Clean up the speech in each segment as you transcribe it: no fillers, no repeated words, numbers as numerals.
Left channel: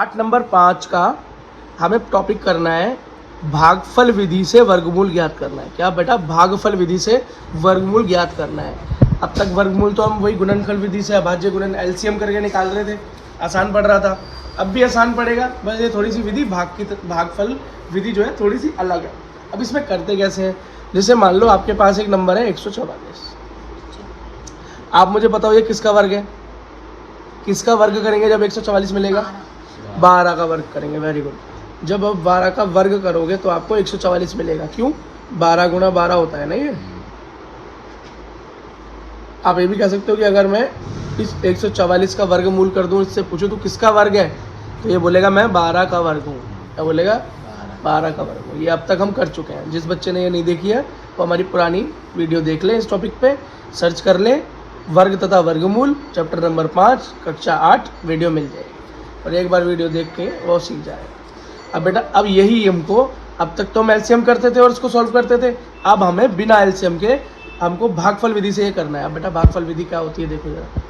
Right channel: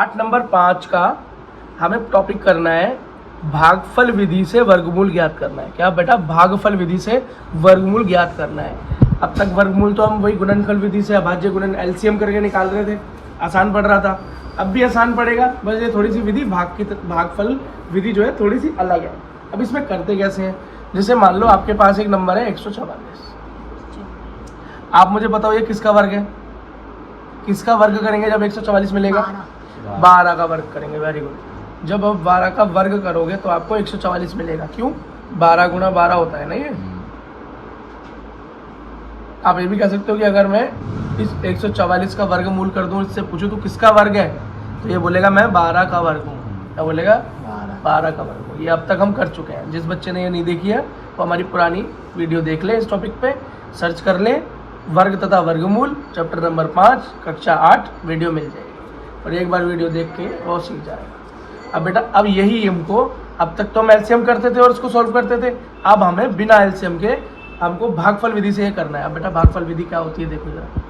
पाठ नंबर 5 का हमें टॉपिक करना है भागफल विधि से वर्गमूल ज्ञात करना है। क्या बेटा? भागफल विधि से वर्गमूल ज्ञात करना है। अब तक वर्गमूल तो हम वही गुणनफल विधि से अभाज्य गुणन एलसीएम करके निकाल रहे थे, आसान पड़ रहा था। अब भी आसान पड़ेगा, बस ये थोड़ी सी विधि भागफल विधि जो है थोड़ी सी अलग है। अब इसमें करते कैसे हैं? जैसे मान लो आपके पास एक नंबर है 144, आप मुझे बताओ ये किसका वर्ग है? किसका वर्ग करेंगे जब 144 मिलेगा? 12 का वर्ग करेंगे। Very good. जब आप 12 का वर्ग करोगे तो आपको 144 मिलेगा। क्यों? 12 गुणा 12 होता है ना ये। आप ये भी कह सकते हो कि अगर मैं इस 144 का वर्गमूल कर दूं, इससे पूछूं तो किसका वर्ग है, तो ये बोलेगा मैं 12 का वर्ग हूँ। क्या बोलेगा? 12 का वर्ग हूँ। ये अब तक हम कर चुके हैं। जिस बच्चे ने ये नहीं देखी है वो हमारी पुरानी वीडियो देख ले, इस टॉपिक पे सर्च कर ले, वर्ग तथा वर्गमूल चैप्टर नंबर 5 कक्षा 8 वीडियो मिल जाएगी, और एक बार वीडियो देख के वो सीख जाएगा। अब बेटा अब यही हमको, अब तक तो हम एलसीएम करते थे और इसको सॉल्व करते थे, अब हमें बिना एलसीएम के हमको भागफल विधि से ये करना है। अब बेटा भागफल विधि क्या होती है देखो जरा,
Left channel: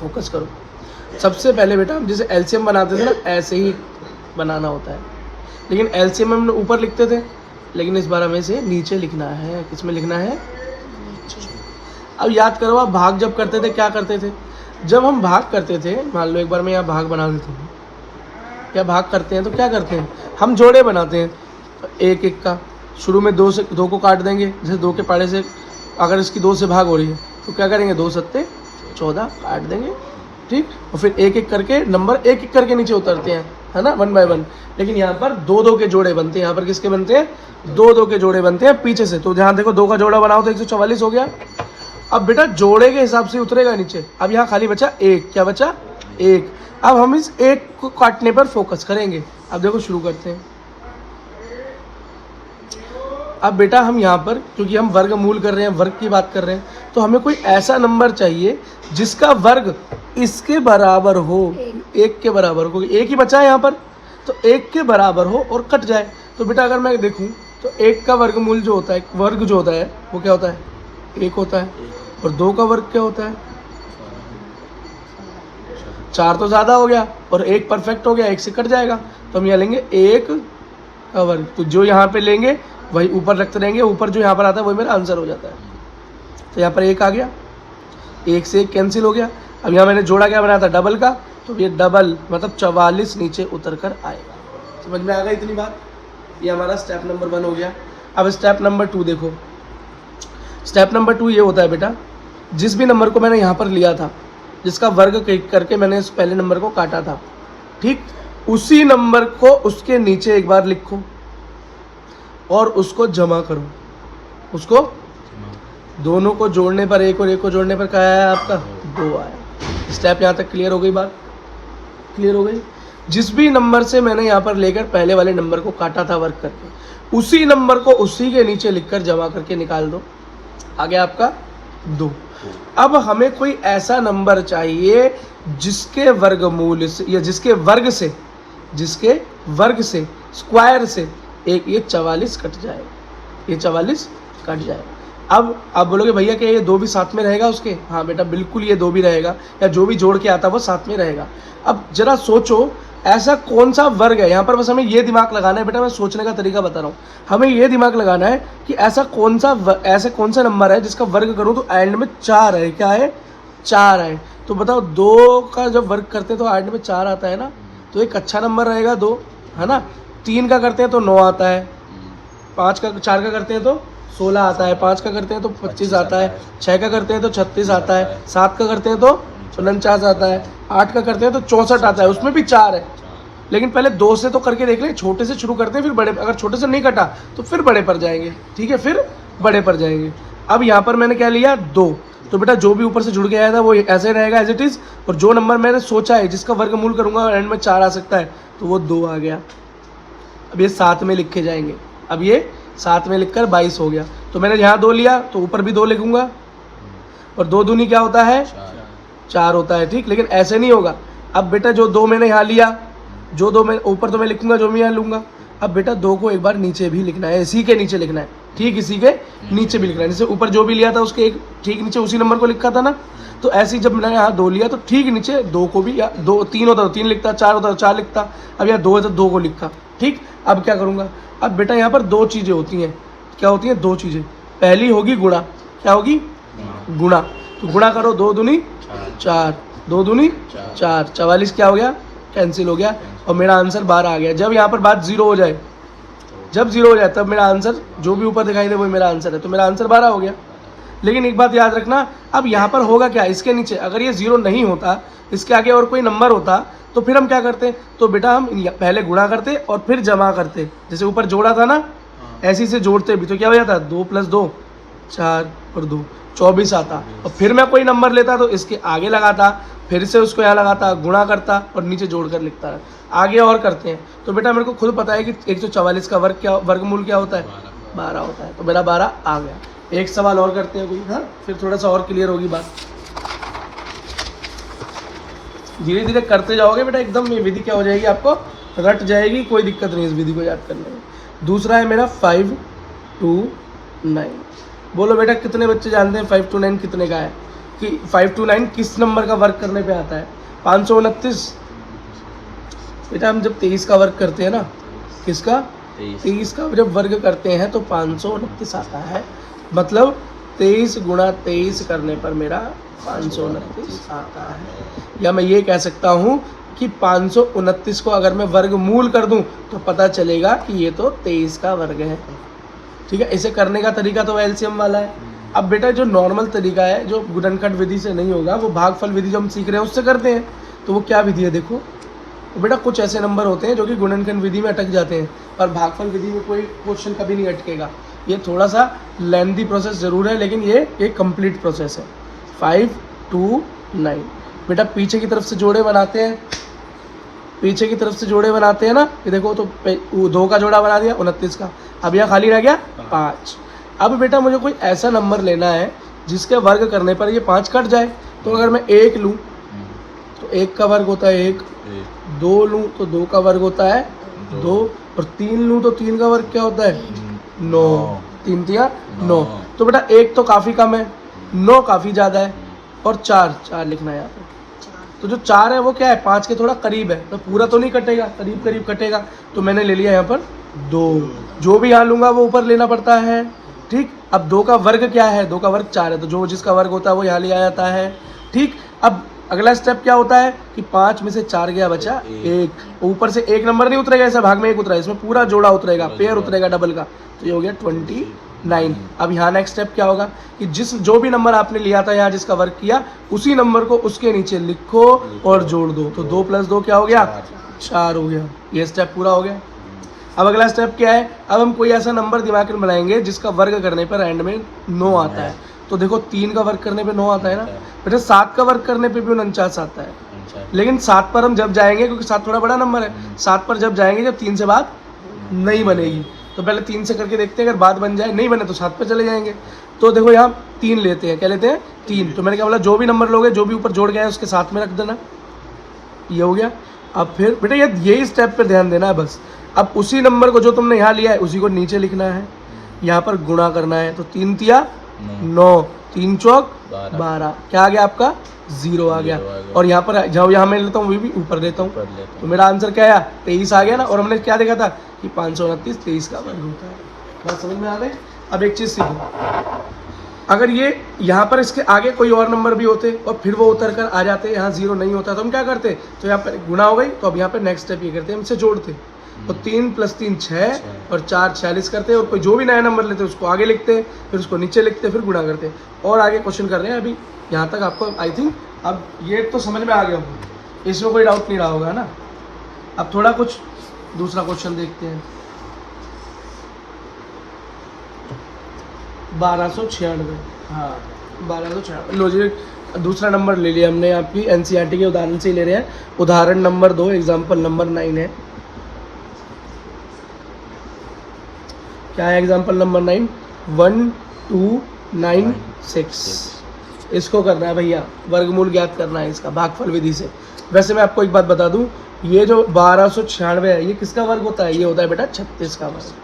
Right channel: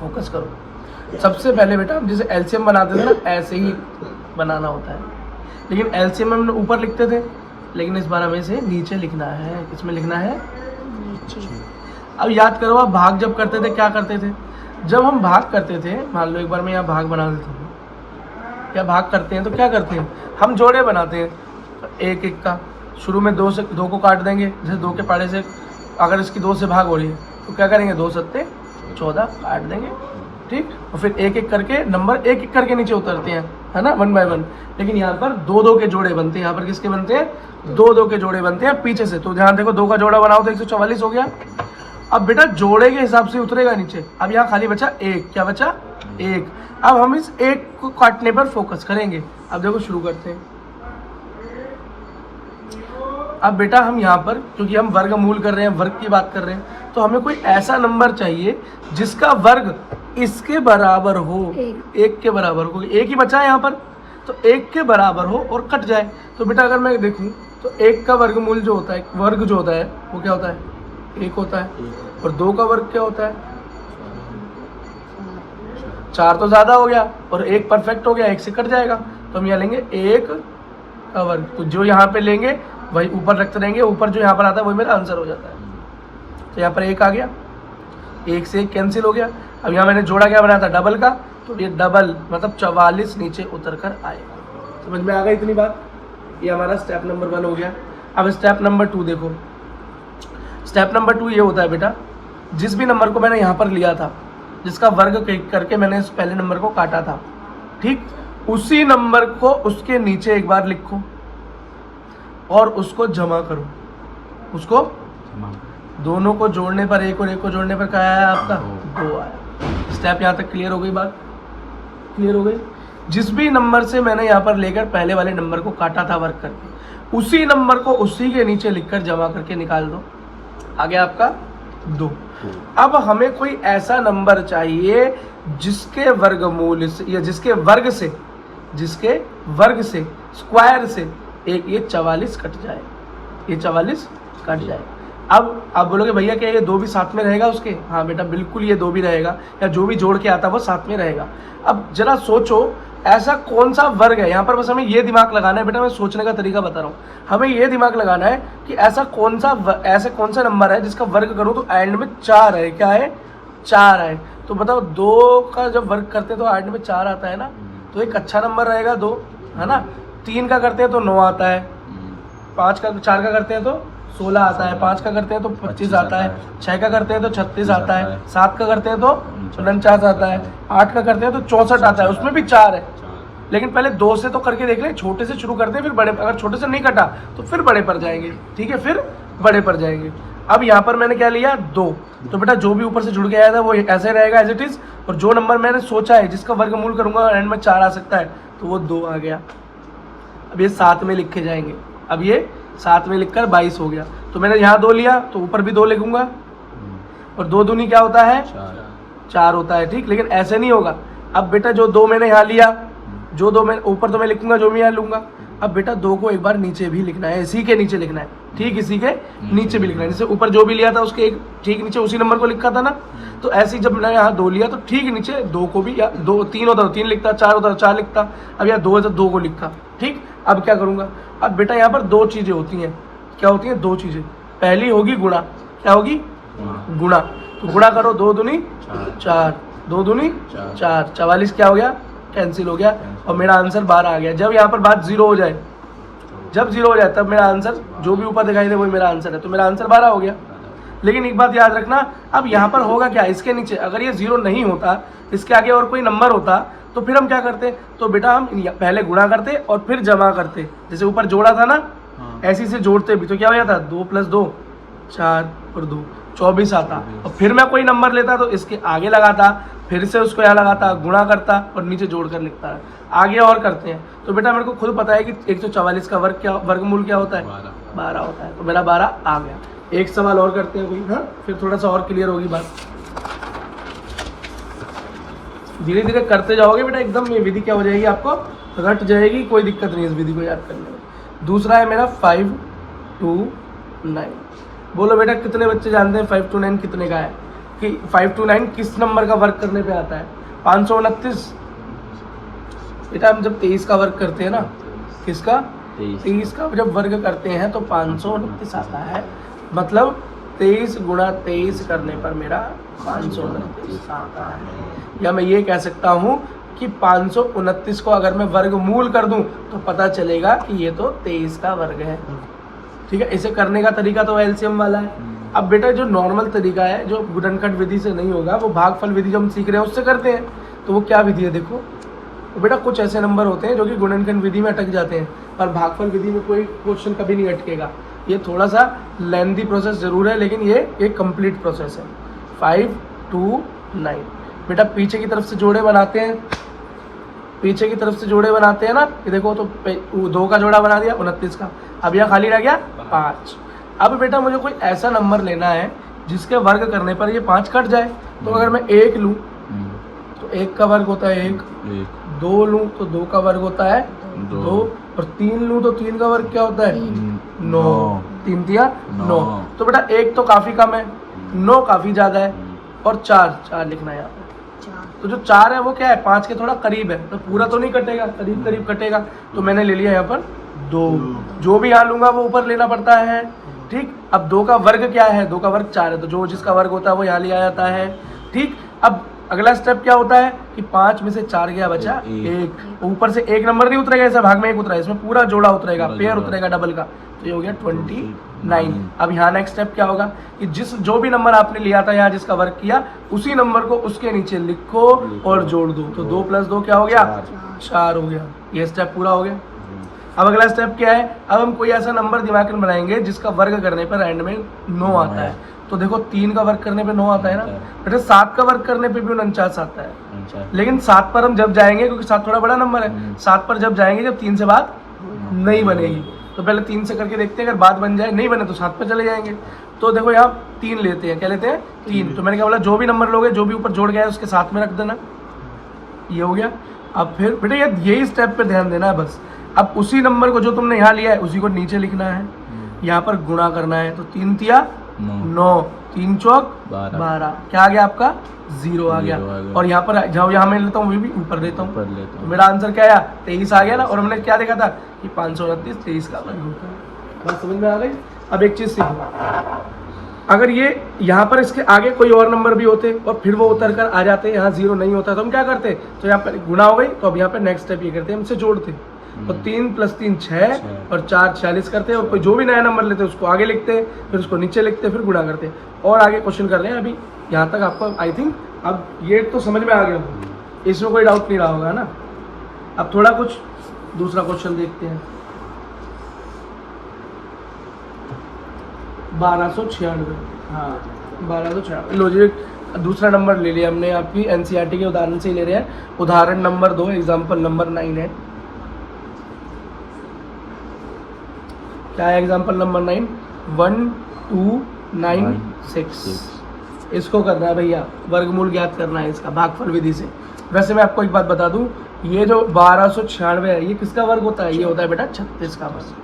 फोकस करो। सबसे पहले बेटा हम जैसे एलसीएम बनाते थे ना, ऐसे ही बनाना होता है, लेकिन एलसीएम हम ऊपर लिखते थे, लेकिन इस बार हमें इसे नीचे लिखना है। किस में लिखना है? अब याद करो, आप भाग जब करते थे क्या करते थे? जब हम भाग करते थे, मान लो एक बार मैं यहाँ भाग बना देती हूँ, या भाग करते हैं तो क्या करते हैं? हम जोड़े बनाते हैं। तो एक एक का शुरू में 2 को काट देंगे, जैसे 2 के पाड़े से अगर इसकी 2 से भाग हो रही है तो क्या करेंगे? 2 सत्ते 14 काट देंगे, ठीक। और फिर एक एक करके नंबर एक एक करके नीचे उतरते हैं, है ना, 1 बाय 1। लेकिन यहाँ पर 2 के जोड़े बनते हैं। यहाँ पर किसके बनते हैं? 2 के जोड़े बनते हैं पीछे से। तो ध्यान देखो, 2 का जोड़ा बनाओ तो 144 हो गया। अब बेटा जोड़े के हिसाब से उतरेगा नीचे। अब यहाँ खाली बचा 1। क्या बचा? 1। अब हम इस 1 को काटने पर फोकस करेंगे। अब देखो शुरू करते हैं। अब बेटा हम यहाँ पर क्योंकि हम वर्गमूल कर रहे हैं, वर्ग की बात कर रहे हैं, तो हमें कोई ऐसा नंबर चाहिए जिसका वर्ग इसके बराबर हो, 1 के बराबर हो। 1 ही बचा है यहाँ पर, तो 1 के बराबर हो और कट जाए। तो बेटा अगर मैं देखूँ तो 1 का वर्गमूल जो होता है, वर्ग जो होता है वो क्या होता है? 1 होता है। और 2 का वर्ग क्या होता है? 4 तो ज़्यादा हो गया, और 1 परफेक्ट हो गया, 1 से कट जाएगा। तो हम यहाँ लेंगे 1 का वर्ग। तो जो यहाँ पे लेंगे वही ऊपर रखते रहेंगे, ऊपर जो यहाँ पर आता है वही मेरा आंसर हो जाता है। तो यहाँ पर 1 आ गया, 1 से 1 कैंसिल हो गया। अब यहाँ मैंने जोड़ा क्या बनाया था? डबल का, तो ये डबल मतलब 44 नीचे उतर कर आएगा। समझ में आ गई इतनी बात? ये हमारा स्टेप नंबर 1 हो गया। अब स्टेप नंबर 2 देखो। स्टेप नंबर 2 ये होता है बेटा, जिस भी नंबर को मैंने यहाँ पर लिया था, जिसका वर्ग करके मैंने इस पहले नंबर को काटा था, ठीक, उसी नंबर को उसके नीचे एक बार लिखो और उसको जमा करो। उसको दोनों को जोड़ने पर, 1 और 1 को जोड़ने पर क्या आया आपका? 2 आया। स्टेप यहाँ तक क्लियर हो गई? बात क्लियर हो गई? जिस भी नंबर से मैंने यहाँ पर लेकर पहले वाले नंबर को काटा था वर्ग करके, उसी नंबर को उसी के नीचे लिखकर जमा करके निकाल दो। आ गया आपका 2। अब हमें कोई ऐसा नंबर चाहिए जिसके वर्गमूल से या जिसके वर्ग से स्क्वायर से एक ये 44 कट जाए, ये 44 कट जाए। अब आप बोलोगे भैया क्या ये 2 भी साथ में रहेगा उसके? हाँ बेटा बिल्कुल, ये 2 भी रहेगा, या जो भी जोड़ के आता है वो साथ में रहेगा। अब जरा सोचो ऐसा कौन सा वर्ग है, यहाँ पर बस हमें ये दिमाग लगाना है बेटा, मैं सोचने का तरीका बता रहा हूँ। हमें ये दिमाग लगाना है कि ऐसा कौन सा नंबर है जिसका वर्ग करूँ तो एंड में 4 है। क्या है? 4 है। तो बताओ 2 का जब वर्ग करते हैं तो एंड में 4 आता है ना, तो एक अच्छा नंबर रहेगा 2, है ना। 3 का करते हैं तो 9 आता है, 4 का करते हैं तो 16 आता है, 5 का करते हैं तो 25 आता है, 6 का करते हैं तो 36 आता है, 7 का करते हैं तो 49 आता है, 8 का करते हैं तो 64 आता है, उसमें भी 4 है। लेकिन पहले 2 से तो करके देख ले, छोटे से शुरू करते हैं फिर बड़े, अगर छोटे से नहीं कटा तो फिर बड़े पर जाएंगे, ठीक है, फिर बड़े पर जाएंगे। अब यहाँ पर मैंने क्या लिया? 2। तो बेटा जो भी ऊपर से जुड़ के आया था वो ऐसे रहेगा एज इट इज, और जो नंबर मैंने सोचा है जिसका वर्गमूल करूंगा एंड में 4 आ सकता है, तो वो 2 आ गया। अब ये साथ में लिखे जाएंगे। अब ये साथ में लिखकर 22 हो गया। तो मैंने यहाँ 2 लिया तो ऊपर भी 2 लिखूंगा, और 2 दूनी क्या होता है? 4 होता है, ठीक। लेकिन ऐसे नहीं होगा। अब बेटा जो 2 मैंने यहाँ लिया, जो 2 मैं ऊपर तो मैं लिखूंगा, जो मैं यहाँ लूंगा। अब बेटा 2 को एक बार नीचे भी लिखना है, इसी के नीचे लिखना है, ठीक, इसी के नीचे भी लिखना है। जैसे ऊपर जो भी लिया था उसके एक ठीक नीचे उसी नंबर को लिखा था ना, तो ऐसे ही जब मैंने यहाँ 2 लिया तो ठीक नीचे 2 को भी, या 2 3 होता तो 3 लिखता, 4 होता तो 4 लिखता, अब यहाँ 2 है तो 2 को लिखा। ठीक, अब क्या करूँगा, अब बेटा यहाँ पर 2 चीज़ें होती हैं। क्या होती हैं? 2 चीज़ें। पहली होगी गुणा। क्या होगी? गुणा। तो गुणा करो, 2 दूनी 4, 2 दूनी 4, 44 क्या हो गया? कैंसिल हो गया और मेरा आंसर 12 आ गया। जब यहाँ पर बात 0 हो जाए, जब 0 हो जाए तब मेरा आंसर जो भी ऊपर दिखाई दे वही मेरा आंसर है, तो मेरा आंसर 12 हो गया। लेकिन एक बात याद रखना, अब यहाँ पर होगा क्या, इसके नीचे अगर ये 0 नहीं होता, इसके आगे और कोई नंबर होता, तो फिर हम क्या करते? तो बेटा हम पहले गुणा करते और फिर जमा करते। जैसे ऊपर जोड़ा था ना, ऐसे से जोड़ते भी तो क्या हो जाता? 2 + 2 4 और 2 24 आता। और फिर मैं कोई नंबर लेता तो इसके आगे लगाता, फिर से उसको यहाँ लगाता, गुणा करता और नीचे जोड़ कर लिखता है। आगे और करते हैं। तो बेटा मेरे को खुद पता है कि 144 का वर्गमूल क्या होता है? 12 होता है। तो मेरा 12 आ गया। एक सवाल और करते हैं कोई, हाँ, फिर थोड़ा सा और क्लियर होगी बात। धीरे धीरे करते जाओगे बेटा, एकदम ये विधि क्या हो जाएगी, आपको रट जाएगी, कोई दिक्कत नहीं इस विधि को याद करने में। दूसरा है मेरा 5 to 9। बोलो बेटा कितने बच्चे जानते हैं 5 to 9 कितने का है? कि 5 to 9 किस नंबर का वर्ग करने पे आता है? 529। बेटा हम जब 23 का वर्ग करते हैं ना, किसका? 23 का जब वर्ग करते हैं तो 529 आता है। मतलब 23 × 23 करने पर मेरा 529 आता है। या मैं ये कह सकता हूँ कि 529 को अगर मैं वर्गमूल कर दूं तो पता चलेगा कि ये तो 23 का वर्ग है। ठीक है, इसे करने का तरीका तो एलसीएम वाला है। अब बेटा जो नॉर्मल तरीका है, जो गुणनखंड विधि से नहीं होगा, वो भागफल विधि जो हम सीख रहे हैं उससे करते हैं। तो वो क्या विधि है देखो। तो बेटा कुछ ऐसे नंबर होते हैं जो कि गुणनखंड विधि में अटक जाते हैं, और भागफल विधि में कोई क्वेश्चन कभी नहीं अटकेगा। ये थोड़ा सा लेंथी प्रोसेस जरूर है, लेकिन ये कंप्लीट प्रोसेस है। 5 to 9 बेटा पीछे की तरफ से जोड़े बनाते हैं, पीछे की तरफ से जोड़े बनाते हैं ना। ये देखो, तो 2 का जोड़ा बना दिया 29 का। अब यहाँ खाली रह गया 5। अब बेटा मुझे कोई ऐसा नंबर लेना है जिसके वर्ग करने पर ये 5 कट जाए। तो अगर मैं 1 लूँ तो 1 का वर्ग होता है 1, 2 लूँ तो 2 का वर्ग होता है 2, और 3 लूँ तो 3 का वर्ग क्या होता है 9। 3 तिया 9। तो बेटा 1 तो काफ़ी कम है, 9 काफ़ी ज़्यादा है, और 4 लिखना है यहाँ पर। तो जो 4 है वो क्या है, 5 के थोड़ा करीब है, तो पूरा तो नहीं कटेगा, करीब करीब कटेगा। तो मैंने ले लिया यहाँ पर 2। जो भी यहाँ लूँगा वो ऊपर लेना पड़ता है। ठीक, अब 2 का वर्ग क्या है? 2 का वर्ग 4 है, तो जो जिसका वर्ग होता है वो यहाँ लिया जाता है। ठीक, अब अगला स्टेप क्या होता है कि 5 में से 4 गया, बचा 1। ऊपर से 1 नंबर नहीं उतरेगा, ऐसा भाग में 1 उतरा है, इसमें पूरा जोड़ा उतरेगा, पेयर उतरेगा डबल का। तो ये हो गया 29। अब यहाँ नेक्स्ट स्टेप क्या होगा कि जो भी नंबर आपने लिया था यहाँ जिसका वर्ग किया, उसी नंबर को उसके नीचे लिखो और जोड़ दो। तो 2 + 2 क्या हो गया? 4 हो गया। ये स्टेप पूरा हो गया। अब अगला स्टेप क्या है? अब हम कोई ऐसा नंबर दिमाग में बनाएंगे जिसका वर्ग करने पर एंड में 9 आता है। तो देखो 3 का वर्ग करने पे 9 आता है ना बेटा, 7 का वर्ग करने पे भी 49 आता है। लेकिन 7 पर हम जब जाएंगे, क्योंकि 7 थोड़ा बड़ा नंबर है, 7 पर जब जाएंगे जब 3 से बात नहीं बनेगी। तो पहले 3 से करके देखते हैं, अगर बात बन जाए, नहीं बने तो 7 पर चले जाएंगे। तो देखो यहाँ 3 लेते हैं। क्या लेते हैं? 3। तो मैंने क्या बोला, जो भी नंबर लोगे, जो भी ऊपर जोड़ गया है उसके साथ में रख देना। ये हो गया। अब फिर बेटा यही स्टेप पे ध्यान देना है बस। अब उसी नंबर को जो तुमने यहाँ लिया है उसी को नीचे लिखना है, यहाँ पर गुणा करना है। तो 3 तिया 9, 3 चौक 12, क्या आ गया आपका? 0 आ गया। और यहाँ पर जब यहाँ मैं लेता हूँ वही भी ऊपर लेता हूँ, तो मेरा आंसर क्या आया? 23 आ गया ना। और हमने क्या देखा था कि 529 23 का वर्ग होता है। बात समझ में आ गई? अब एक चीज़ सीखो, अगर ये यहाँ पर इसके आगे कोई और नंबर भी होते और फिर वो उतर कर आ जाते, यहाँ 0 नहीं होता, तो हम क्या करते? तो यहाँ पर गुणा हो गई, तो अब यहाँ पर नेक्स्ट स्टेप ये करते हैं, हमसे जोड़ते। तो 3 + 3 6 और 4 46 करते, और कोई जो भी नया नंबर लेते उसको आगे लिखते, फिर उसको नीचे लिखते, फिर गुणा करते। और आगे क्वेश्चन कर रहे हैं। अभी यहाँ तक आपको आई थिंक अब ये तो समझ में आ गया, इसमें कोई डाउट नहीं रहा होगा ना। अब थोड़ा कुछ दूसरा क्वेश्चन देखते हैं। 1296, हाँ 1296। लो जी, दूसरा नंबर ले लिया हमने, आपकी एनसीईआरटी के उदाहरण से ही ले रहे हैं। उदाहरण नंबर 2, एग्जाम्पल नंबर 9 है। क्या है एग्जाम्पल नंबर 9? 1296। इसको करना है भैया, वर्गमूल ज्ञात करना है इसका भागफल विधि से। वैसे मैं आपको एक बात बता दूं, ये जो 1296 है ये किसका वर्ग होता है? ये होता है बेटा 36 का वर्ग।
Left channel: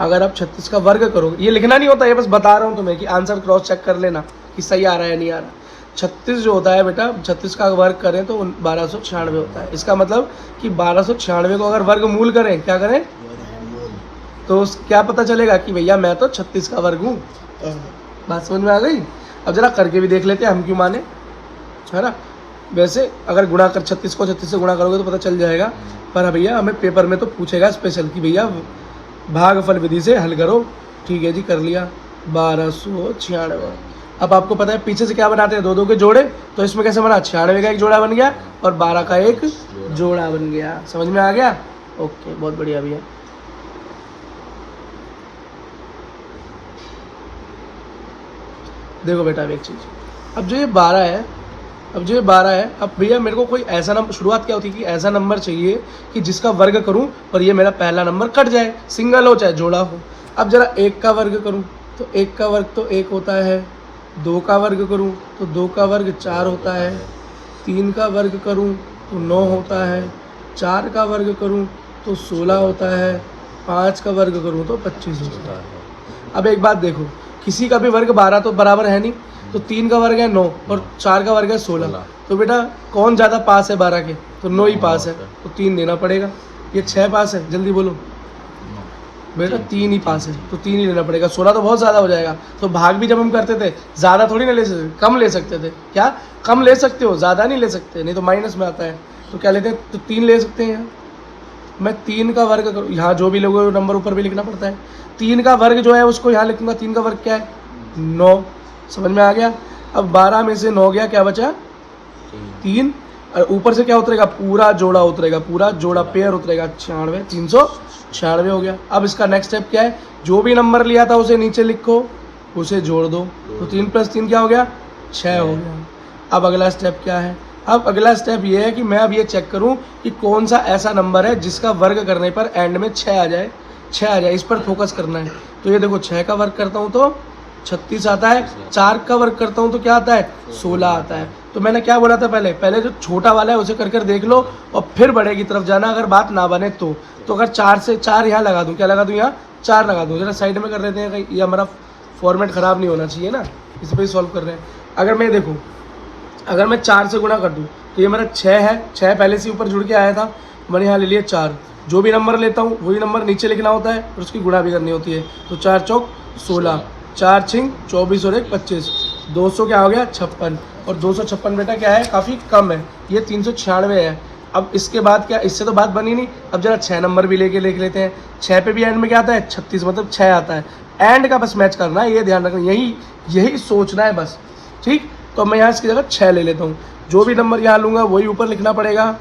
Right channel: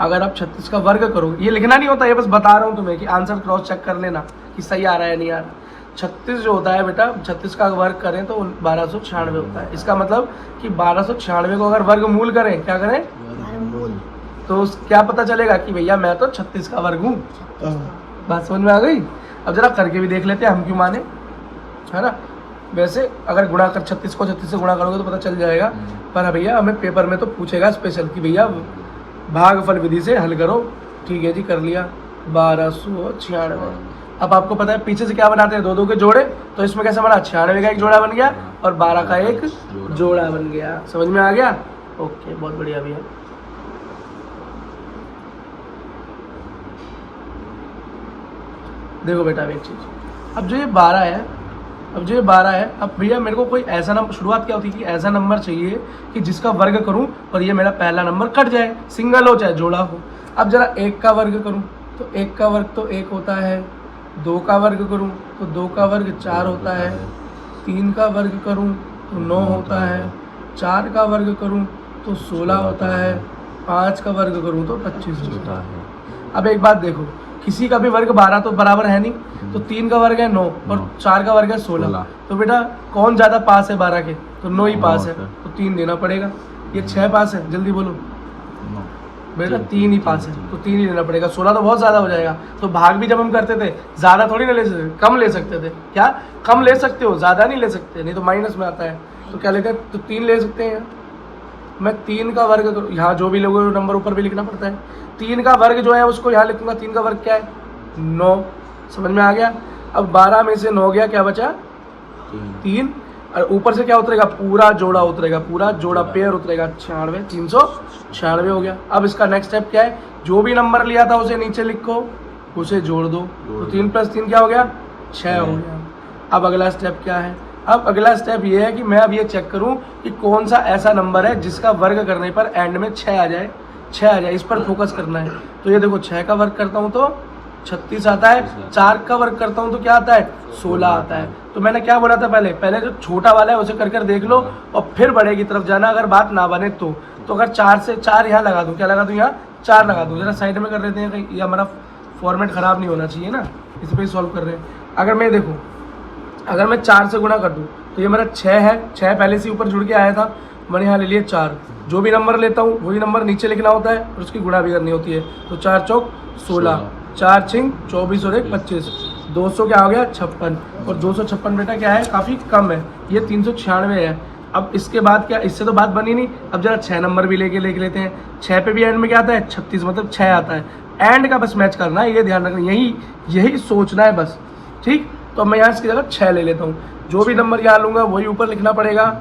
अगर आप 36 का वर्ग करो, ये लिखना नहीं होता, ये बस बता रहा हूँ तुम्हें कि आंसर क्रॉस चेक कर लेना कि सही आ रहा है नहीं आ रहा। 36 जो होता है बेटा, 36 का वर्ग करें तो 1296 होता है। इसका मतलब कि 1296 को अगर वर्गमूल करें, क्या करें, तो क्या पता चलेगा कि भैया मैं तो 36 का वर्ग हूँ। बात समझ में आ गई? अब जरा करके भी देख लेते हैं, हम क्यों माने, है ना। वैसे अगर गुणा कर 36 को 36 से गुणा करोगे तो पता चल जाएगा, पर भैया हमें पेपर में तो पूछेगा स्पेशल कि भैया भागफल विधि से हल करो। ठीक है जी, कर लिया 1296। अब आपको पता है पीछे से क्या बनाते हैं, 2 2 के जोड़े, तो इसमें कैसे बना, 96 का एक जोड़ा बन गया और 12 का एक जोड़ा बन गया। समझ में आ गया? ओके, बहुत बढ़िया भैया। देखो बेटा अब एक चीज़, अब जो ये 12 है, अब भैया मेरे को कोई ऐसा नंबर, शुरुआत क्या होती है कि ऐसा नंबर चाहिए कि जिसका वर्ग करूं और ये मेरा पहला नंबर कट जाए, सिंगल हो चाहे जोड़ा हो। अब जरा 1 का वर्ग करूं तो 1 का वर्ग तो 1 होता है, 2 का वर्ग करूं तो 2 का वर्ग 4 होता है, 3 का वर्ग करूं तो 9 होता है, 4 का वर्ग करूं तो 16 होता है, 5 का वर्ग करूं तो 25 होता है। अब एक बात देखो, किसी का भी वर्ग 12 तो बराबर है नहीं, तो 3 का वर्ग है 9 और 4 का वर्ग है 16, तो बेटा कौन ज़्यादा पास है 12 के, तो 9 ही पास है, तो 3 देना पड़ेगा। ये 6 पास है, जल्दी बोलो बेटा, 3 ही पास है तो 3 ही देना पड़ेगा। 16 तो बहुत ज़्यादा हो जाएगा, तो भाग भी जब हम करते थे ज़्यादा थोड़ी ना ले सकते, कम ले सकते थे। क्या कम ले सकते हो, ज़्यादा नहीं ले सकते, नहीं तो माइनस में आता है। तो क्या लेते हैं, तो 3 ले सकते हैं। मैं 3 का वर्ग करूँ, यहाँ जो भी लोगों नंबर ऊपर भी लिखना पड़ता है, 3 का वर्ग जो है उसको यहाँ लिखूंगा, 3 का वर्ग क्या है 9। समझ में आ गया? अब 12 में से 9 गया, क्या बचा 3, और ऊपर से क्या उतरेगा, पूरा जोड़ा उतरेगा, पूरा जोड़ा पेयर उतरेगा 96, 396 हो गया। अब इसका नेक्स्ट स्टेप क्या है, जो भी नंबर लिया था उसे नीचे लिखो, उसे जोड़ दो, तो 3 + 3 क्या हो गया 6 हो गया। अब अगला स्टेप क्या है, अब अगला स्टेप ये है कि मैं अब ये चेक करूं कि कौन सा ऐसा नंबर है जिसका वर्ग करने पर एंड में 6 आ जाए, 6 आ जाए, इस पर फोकस करना है। तो ये देखो 6 का वर्ग करता हूं तो 36 आता है, 4 का वर्ग करता हूं तो क्या आता है 16 आता है। तो मैंने क्या बोला था, पहले जो छोटा वाला है उसे कर देख लो और फिर बड़े की तरफ जाना, अगर बात ना बने तो अगर 4 से 4 यहाँ लगा दूँ, क्या लगा दूँ, यहाँ 4 लगा दूँ। जरा साइड में कर लेते हैं, कहीं ये हमारा फॉर्मेट ख़राब नहीं होना चाहिए ना, इस पर ही सॉल्व कर रहे हैं। अगर मैं देखूँ, अगर मैं 4 से गुणा कर दूँ तो ये मेरा 6 है, 6 पहले से ऊपर जुड़ के आया था, मैंने यहाँ ले लिया 4। जो भी नंबर लेता हूँ वही नंबर नीचे लिखना होता है और उसकी गुणा भी करनी होती है। तो 4 चौक 16, 4 छिंग 24 और 1 25, 200 क्या हो गया 56, और 256 बेटा क्या है, काफ़ी कम है, ये 396 है। अब इसके बाद क्या, इससे तो बात बनी नहीं। अब जरा 6 नंबर भी लेके लिख लेते हैं। 6 पे भी एंड में क्या आता है 36, मतलब 6 आता है। एंड का बस मैच करना है, ये ध्यान रखना, यही सोचना है बस, ठीक। तो मैं यहाँ इसकी जगह 6 ले लेता हूँ, जो भी नंबर यहाँ लूँगा वही ऊपर लिखना पड़ेगा,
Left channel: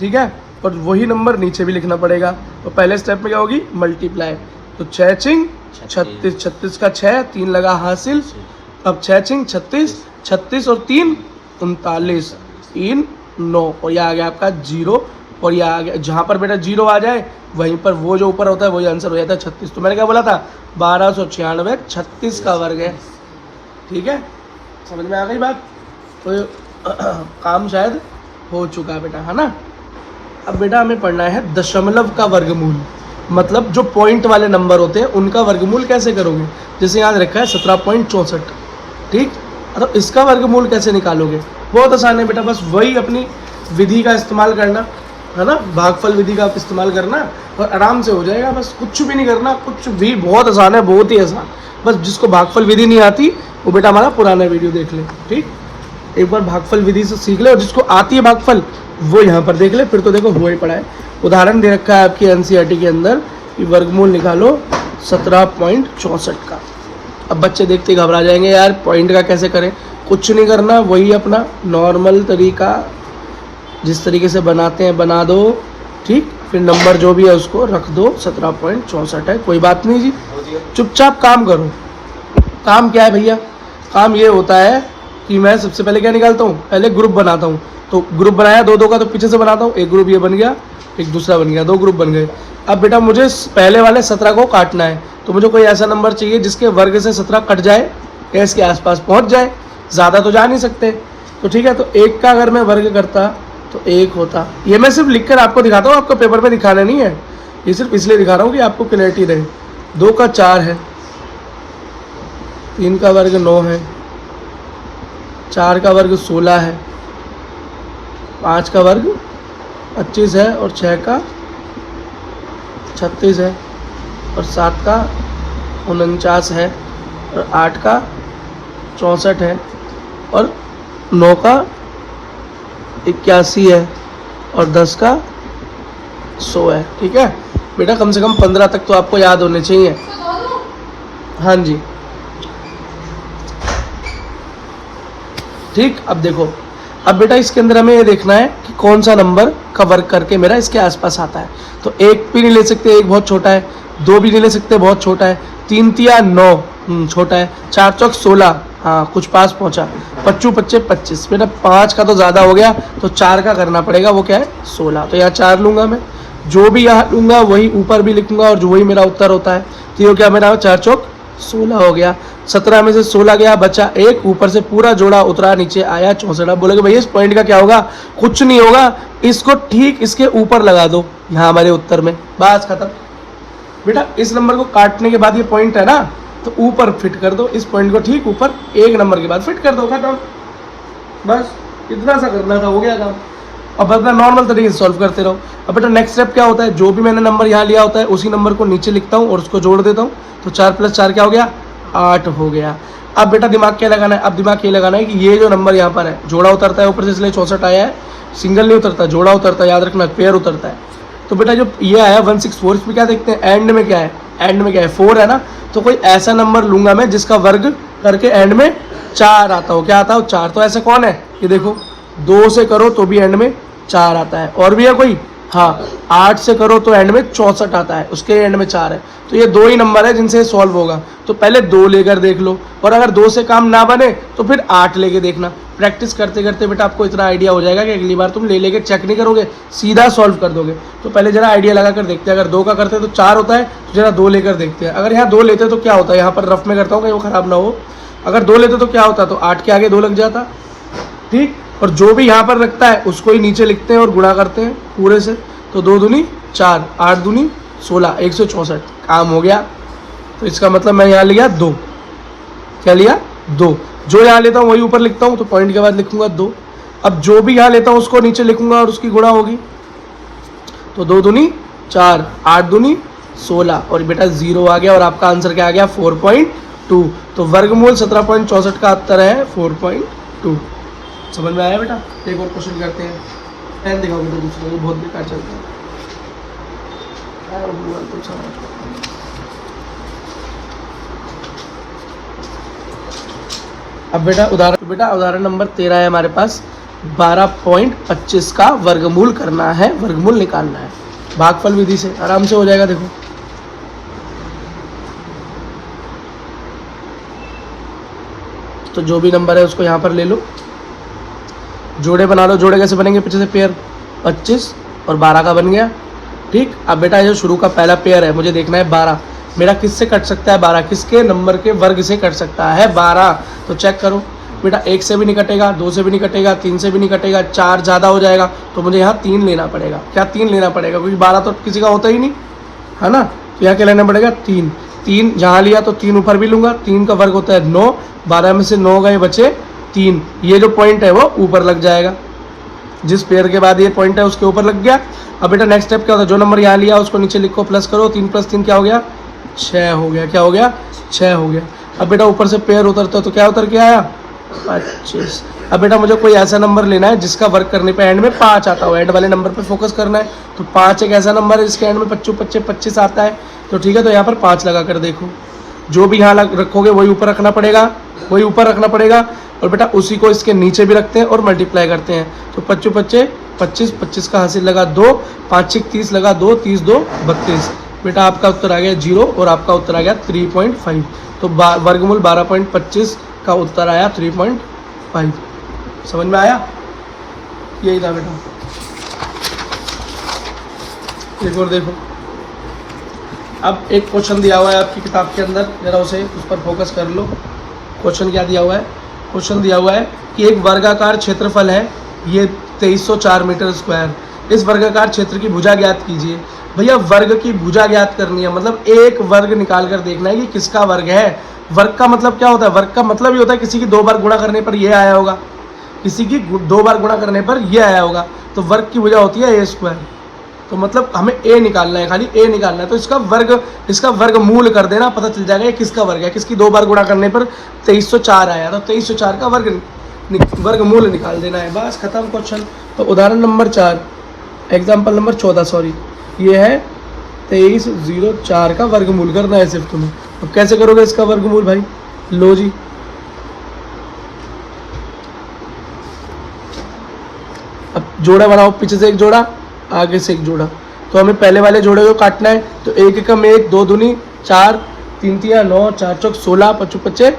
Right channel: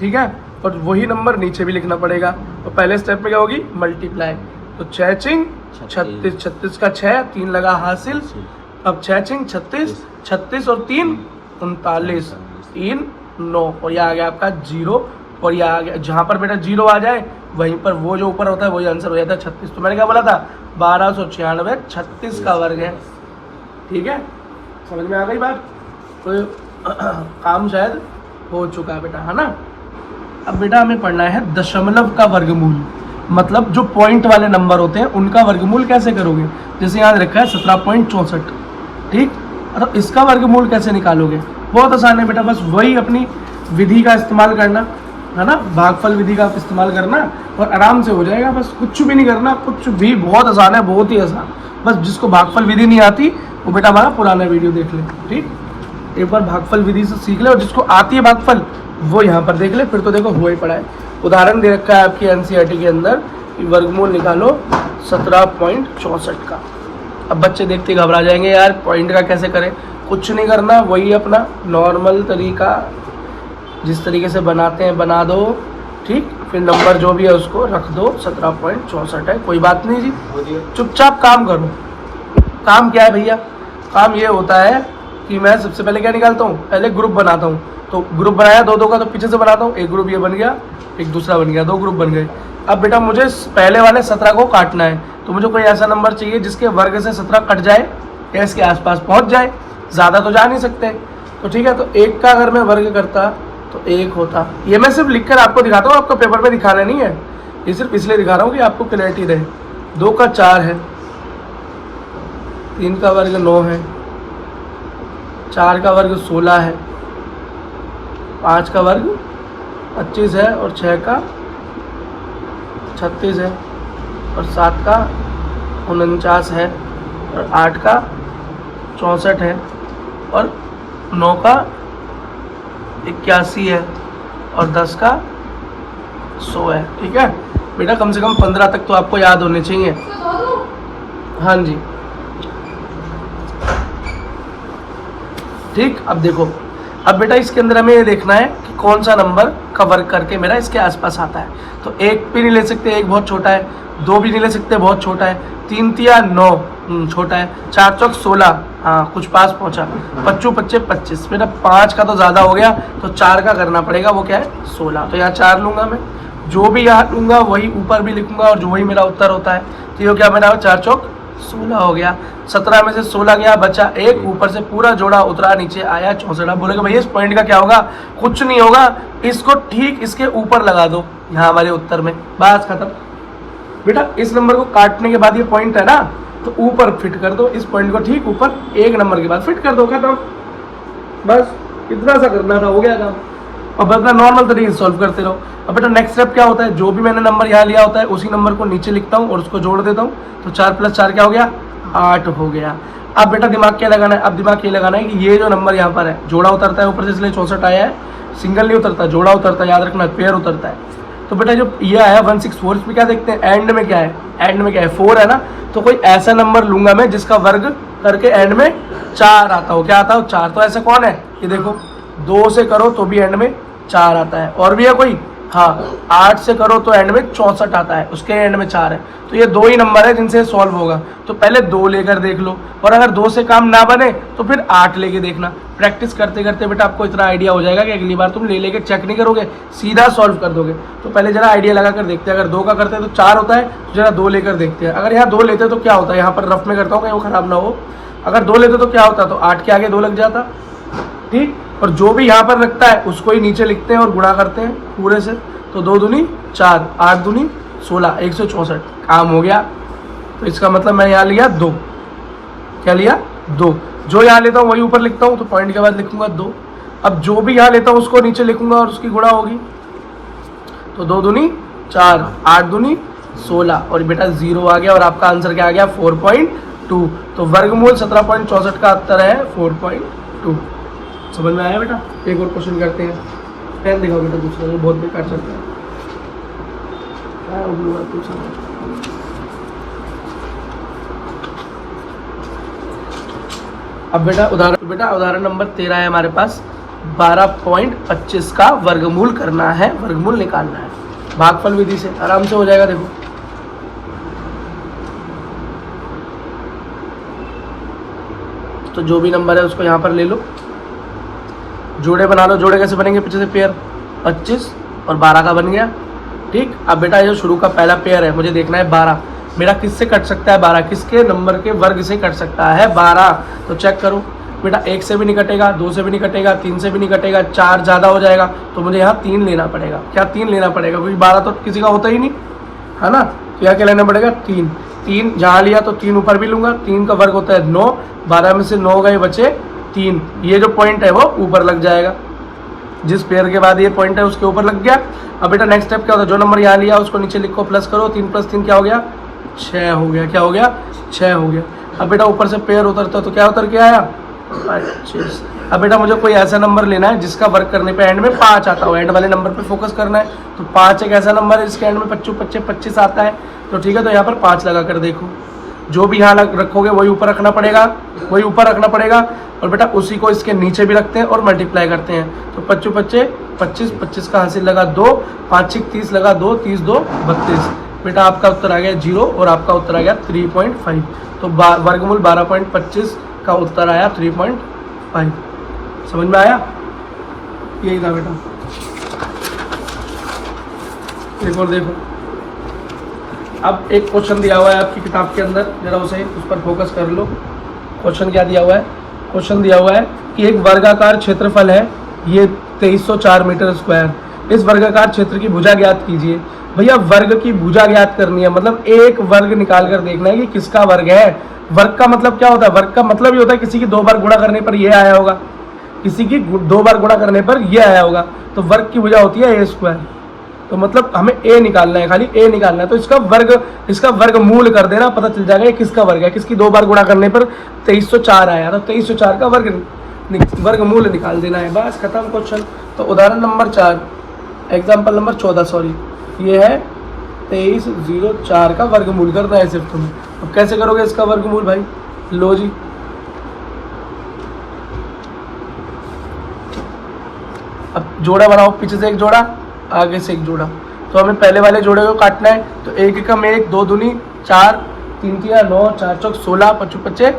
ठीक है, और वही नंबर नीचे भी लिखना पड़ेगा। तो पहले स्टेप में क्या होगी, मल्टीप्लाई, तो 6 छिंग 36, 36 का 6, 3 लगा हासिल। अब 6 छिंग 36, 36 और 3 39, 3 9, और यह आ गया आपका 0, और यह आ गया, जहाँ पर बेटा 0 आ जाए वहीं पर वो जो ऊपर होता है वही आंसर हो जाता है 36। तो मैंने क्या बोला था 1296, 36 का वर्ग है, ठीक है, समझ में आ गई बात। तो काम शायद हो चुका है बेटा, है ना। अब बेटा हमें पढ़ना है दशमलव का वर्गमूल, मतलब जो पॉइंट वाले नंबर होते हैं उनका वर्गमूल कैसे करोगे। जैसे यहाँ रखा है 17.64, ठीक, तो इसका वर्गमूल कैसे निकालोगे, बहुत आसान है बेटा, बस वही अपनी विधि का इस्तेमाल करना, है ना, भागफल विधि का इस्तेमाल करना और आराम से हो जाएगा। बस कुछ भी नहीं करना, कुछ भी, बहुत आसान है, बहुत ही आसान। बस जिसको भागफल विधि नहीं आती वो बेटा हमारा पुराना वीडियो देख ले, ठीक, एक बार भागफल विधि से सीख ले, और जिसको आती है भागफल वो यहाँ पर देख ले, फिर तो देखो हुआ ही पड़ा है। उदाहरण दे रखा है आपकी एनसीईआरटी के अंदर कि वर्गमूल निकालो 17.64 का। अब बच्चे देखते घबरा जाएंगे, यार पॉइंट का कैसे करें। कुछ नहीं करना, वही अपना नॉर्मल तरीका जिस तरीके से बनाते हैं बना दो, ठीक, फिर नंबर जो भी है उसको रख दो, 17.64 है, कोई बात नहीं जी, चुपचाप काम करो। काम क्या है भैया, काम ये होता है कि मैं सबसे पहले क्या निकालता हूँ, पहले ग्रुप बनाता हूँ। तो ग्रुप बनाया 2 2 का, तो पीछे से बनाता हूँ, एक ग्रुप ये बन गया, एक दूसरा बन गया, 2 ग्रुप बन गए। अब बेटा मुझे पहले वाले 17 को काटना है, तो मुझे कोई ऐसा नंबर चाहिए जिसके वर्ग से 17 कट जाए या इसके आसपास पहुँच जाए, ज़्यादा तो जा नहीं सकते। तो ठीक है, तो 1 का अगर मैं वर्ग करता तो 1 होता। ये मैं सिर्फ लिख कर आपको दिखाता हूँ, आपको पेपर पे दिखाना नहीं है, ये सिर्फ इसलिए दिखा रहा हूँ कि आपको क्लैरिटी रहे। 2 का 4 है, 3 का वर्ग 9 है, 4 का वर्ग 16 है, 5 का वर्ग 25 है और 6 का 36 है और 7 का 49 है और 8 का 64 है और 9 का 81 है और 10 का 100 है। ठीक है बेटा, कम से कम 15 तक तो आपको याद होने चाहिए। हाँ जी ठीक। अब देखो, अब बेटा इसके अंदर हमें ये देखना है कि कौन सा नंबर का वर्ग करके मेरा इसके आसपास आता है। तो 1 भी नहीं ले सकते, 1 बहुत छोटा है, 2 भी नहीं ले सकते, बहुत छोटा है, 3 तिया 9 छोटा है, 4 चौक 16 हाँ कुछ पास पहुंचा, 5 पच्चे 25 बेटा 5 का तो ज़्यादा हो गया तो 4 का करना पड़ेगा, वो क्या है 16। तो यहाँ 4 लूँगा मैं, जो भी यहाँ लूँगा वही ऊपर भी लिखूँगा और जो वही मेरा उत्तर होता है। तो ये क्या मेरा 4 चौक 16 हो गया। 17 में से 16 गया, बचा 1, ऊपर से पूरा जोड़ा उतरा, नीचे आया 64। बोलोगे भैया इस पॉइंट का क्या होगा? कुछ नहीं होगा, इसको ठीक इसके ऊपर लगा दो यहाँ हमारे उत्तर में, बस खत्म। बेटा इस नंबर को काटने के बाद ये पॉइंट है ना, तो ऊपर फिट कर दो, इस पॉइंट को ठीक ऊपर 1 नंबर के बाद फिट कर दो, खत्म। बस इतना सा करना था, हो गया काम। अब अपना नॉर्मल तरीके से सॉल्व करते रहो। अब बेटा नेक्स्ट स्टेप क्या होता है, जो भी मैंने नंबर यहाँ लिया होता है उसी नंबर को नीचे लिखता हूँ और उसको जोड़ देता हूँ। तो 4 + 4 क्या हो गया? 8 हो गया। अब बेटा दिमाग क्या लगाना है? अब दिमाग ये लगाना है कि ये जो नंबर यहाँ पर है, जोड़ा उतरता है ऊपर से, इसलिए 64 आया है, सिंगल नहीं उतरता, जोड़ा उतरता है, याद रखना, पेयर उतरता है। तो बेटा जो ये आया 164, इसमें क्या देखते हैं, एंड में क्या है, एंड में क्या है 4 है ना। तो कोई ऐसा नंबर लूंगा मैं जिसका वर्ग करके एंड में 4 आता हो। क्या आता हो? 4। तो ऐसा कौन है? ये देखो, 2 से करो तो भी एंड में 4 आता है। और भी है कोई? हाँ, 8 से करो तो एंड में 64 आता है, उसके एंड में 4 है। तो ये 2 ही नंबर है जिनसे सॉल्व होगा। तो पहले 2 लेकर देख लो, और अगर 2 से काम ना बने तो फिर 8 लेके देखना। प्रैक्टिस करते करते बेटा आपको इतना आइडिया हो जाएगा कि अगली बार तुम ले लेके चेक नहीं करोगे, सीधा सॉल्व कर दोगे। तो पहले जरा आइडिया लगा कर देखते हैं। अगर 2 का करते हैं तो 4 होता है, तो जरा 2 लेकर देखते हैं। अगर यहाँ 2 लेते तो क्या होता है, यहाँ पर रफ में करता हूँ कि वो खराब ना हो। अगर 2 लेते तो क्या होता, तो 8 के आगे 2 लग जाता, ठीक। और जो भी यहाँ पर रखता है उसको ही नीचे लिखते हैं और गुणा करते हैं पूरे से। तो 2 दूनी 4, 8 दूनी 16, 164, काम हो गया। तो इसका मतलब मैं यहाँ लिया 2, क्या लिया 2। जो यहाँ लेता हूँ वही ऊपर लिखता हूँ, तो पॉइंट के बाद लिखूंगा 2। अब जो भी यहाँ लेता हूँ उसको नीचे लिखूंगा और उसकी गुणा होगी। तो 2 दूनी 4, 8 दूनी 16 और बेटा 0 आ गया। और आपका आंसर क्या आ गया? 4.2। तो वर्गमूल 17.64 का उत्तर है 4.2। समझ में आया बेटा? एक और क्वेश्चन करते हैं। पेन दिखाओ बेटा दूसरा, ये बहुत बेकार चलता है। अब बेटा उदाहरण नंबर 13 है हमारे पास। 12.25 का वर्गमूल करना है, वर्गमूल निकालना है। भागफल विधि से आराम से हो जाएगा। देखो तो जो भी नंबर है उसको यहाँ पर ले लो, जोड़े बना लो। जोड़े कैसे बनेंगे? पीछे से पेयर 25 और 12 का बन गया, ठीक। अब बेटा जो शुरू का पहला पेयर है, मुझे देखना है 12 मेरा किससे कट सकता है। 12 किसके नंबर के वर्ग से कट सकता है? 12। तो चेक करो बेटा, 1 से भी नहीं कटेगा, 2 से भी नहीं कटेगा, 3 से भी नहीं कटेगा, 4 ज़्यादा हो जाएगा। तो मुझे यहाँ 3 लेना पड़ेगा। क्या 3 लेना पड़ेगा? क्योंकि 12 तो किसी का होता ही नहीं है ना। तो यहाँ क्या लेना पड़ेगा? 3 जहाँ लिया तो 3 ऊपर भी लूँगा। 3 का वर्ग होता है 9, 12 में से 9 गए बचे 3। ये जो पॉइंट है वो ऊपर लग जाएगा, जिस पेयर के बाद ये पॉइंट है उसके ऊपर लग गया। अब बेटा नेक्स्ट स्टेप क्या होता है? जो नंबर यहाँ लिया उसको नीचे लिखो, प्लस करो। 3 + 3 क्या हो गया? 6 हो गया। क्या हो गया? 6 हो गया। अब बेटा ऊपर से पेयर उतरता तो क्या उतर के आया? 25। अब बेटा मुझे कोई ऐसा नंबर लेना है जिसका वर्क करने पे एंड में 5 आता हो। एंड वाले नंबर पे फोकस करना है। तो 5 एक ऐसा नंबर है जिसके एंड में 25 25 25 आता है। तो ठीक है, तो यहाँ पर 5 लगा कर देखो। जो भी यहाँ रखोगे वही ऊपर रखना पड़ेगा, वही ऊपर रखना पड़ेगा। और बेटा उसी को इसके नीचे भी रखते हैं और मल्टीप्लाई करते हैं। तो 25 25 25 25 का हासिल लगा 2, 5 6 30 लगा 2, 30 2 32। बेटा आपका उत्तर आ गया 0 और आपका उत्तर आ गया 3.5। तो वर्गमूल 12.25 का उत्तर आया 3.5। समझ में आया? यही था बेटा। एक और देखो, अब एक क्वेश्चन दिया हुआ है आपकी किताब के अंदर, जरा उस पर फोकस कर लो। क्वेश्चन क्या दिया हुआ है? क्वेश्चन दिया हुआ है कि एक वर्गाकार क्षेत्रफल है, ये 2304 मीटर स्क्वायर। इस वर्गाकार क्षेत्र की भुजा ज्ञात कीजिए। भैया वर्ग की भुजा ज्ञात करनी है, मतलब एक वर्ग निकाल कर देखना है कि किसका वर्ग है। वर्ग का मतलब क्या होता है? वर्ग का मतलब ये होता है किसी की 2 बार गुणा करने पर ये आया होगा, किसी की 2 बार गुणा करने पर ये आया होगा, तो वर्ग की भुजा होती है a²। तो मतलब हमें a निकालना है, खाली a निकालना है। तो इसका वर्गमूल कर देना, पता चल जाएगा ये किसका वर्ग है। किसकी 2 बार गुणा करने पर 2304 आया, तो 2304 का वर्गमूल निकाल देना है, बस खत्म क्वेश्चन। तो उदाहरण नंबर 4, एग्जाम्पल नंबर 14 सॉरी, ये है 2304 का वर्गमूल करना है सिर्फ तुम्हें। अब कैसे करोगे इसका वर्गमूल भाई? लो जी, अब जोड़ा बनाओ, पीछे से एक जोड़ा, आगे से एक जोड़ा। तो हमें पहले वाले जोड़े को काटना है, तो 1 एकम 1, 2 दूनी 4, 3 तिया 9, 4 चौक 16, 5 पच्चे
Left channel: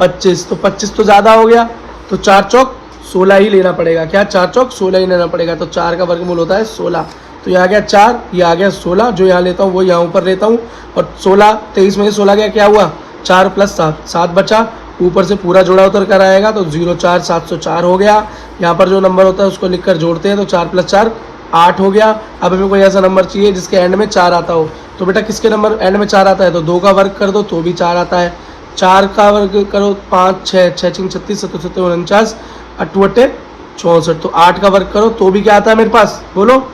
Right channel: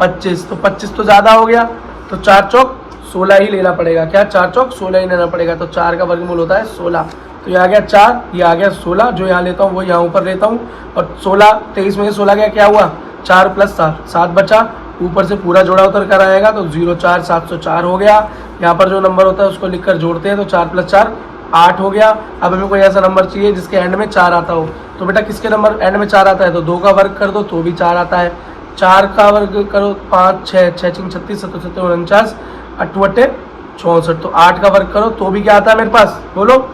25। तो 25 तो ज़्यादा हो गया, तो 4 चौक 16 ही लेना पड़ेगा। क्या? 4 चौक 16 ही लेना पड़ेगा। तो 4 का वर्गमूल होता है 16। तो ये आ गया 4, ये आ गया 16, जो यहाँ लेता हूँ वो यहाँ ऊपर लेता हूँ। और 16, 23 में 16 गया, क्या हुआ? 4 + 7, 7 बचा, ऊपर से पूरा जोड़ा उतर कर आएगा, तो 0 4 704 हो गया। यहाँ पर जो नंबर होता है उसको लिखकर जोड़ते हैं, तो 4 + 4 8 हो गया। अब हमें कोई ऐसा नंबर चाहिए जिसके एंड में 4 आता हो। तो बेटा किसके नंबर एंड में 4 आता है? तो 2 का वर्ग कर दो तो भी 4 आता है। 4 का वर्ग करो 5 6 6 3 36 7 7 49 8 64। तो 8 का वर्ग करो तो भी क्या आता है मेरे पास? बोलो,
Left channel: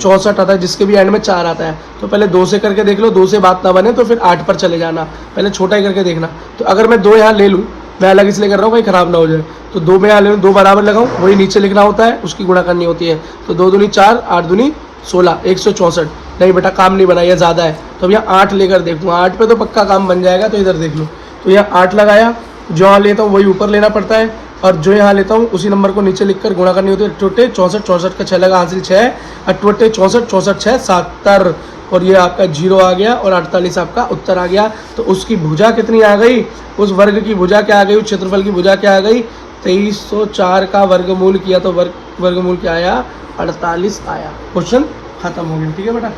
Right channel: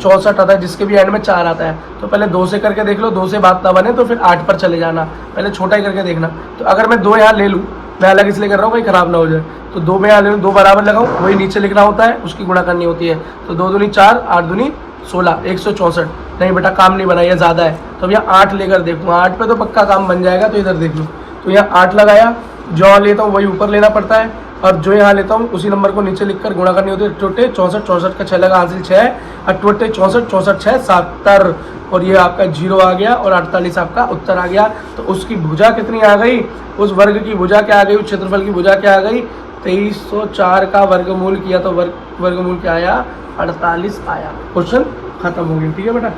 64 आता है, जिसके भी एंड में 4 आता है। तो पहले 2 से करके देख लो, 2 से बात ना बने तो फिर 8 पर चले जाना, पहले छोटा ही करके देखना। तो अगर मैं 2 यहाँ ले लूँ, मैं अलग इसलिए कर रहा हूँ भाई खराब ना हो जाए, तो 2 में यहाँ ले लूँ, 2 बराबर लगाऊँ, वही नीचे लिखना होता है, उसकी गुणा करनी होती है। तो 2 दूनी 4, 8 दूनी 16, 164। नहीं बेटा काम नहीं बना, ये ज़्यादा है, तो अब यहाँ 8 लेकर देखूँगा, 8 पे तो पक्का काम बन जाएगा। तो इधर देख लो, तो यहाँ 8 लगाया, जो यहाँ लेता हूँ वही ऊपर लेना पड़ता है, और जो यहाँ लेता हूँ उसी नंबर को नीचे लिखकर गुणा करनी होती है। 64 64 का 6 लगा, हासिल 6, 68 64 64 6 70, और ये आपका 0 आ गया, और 48 आपका उत्तर आ गया। तो उसकी भुजा कितनी आ गई? उस वर्ग की भुजा क्या आ गई? उस क्षेत्रफल की भुजा क्या आ गई? 2304 का वर्गमूल किया तो वर्गमूल क्या आया? 48 आया। क्वेश्चन खत्म हो गया। ठीक है बेटा।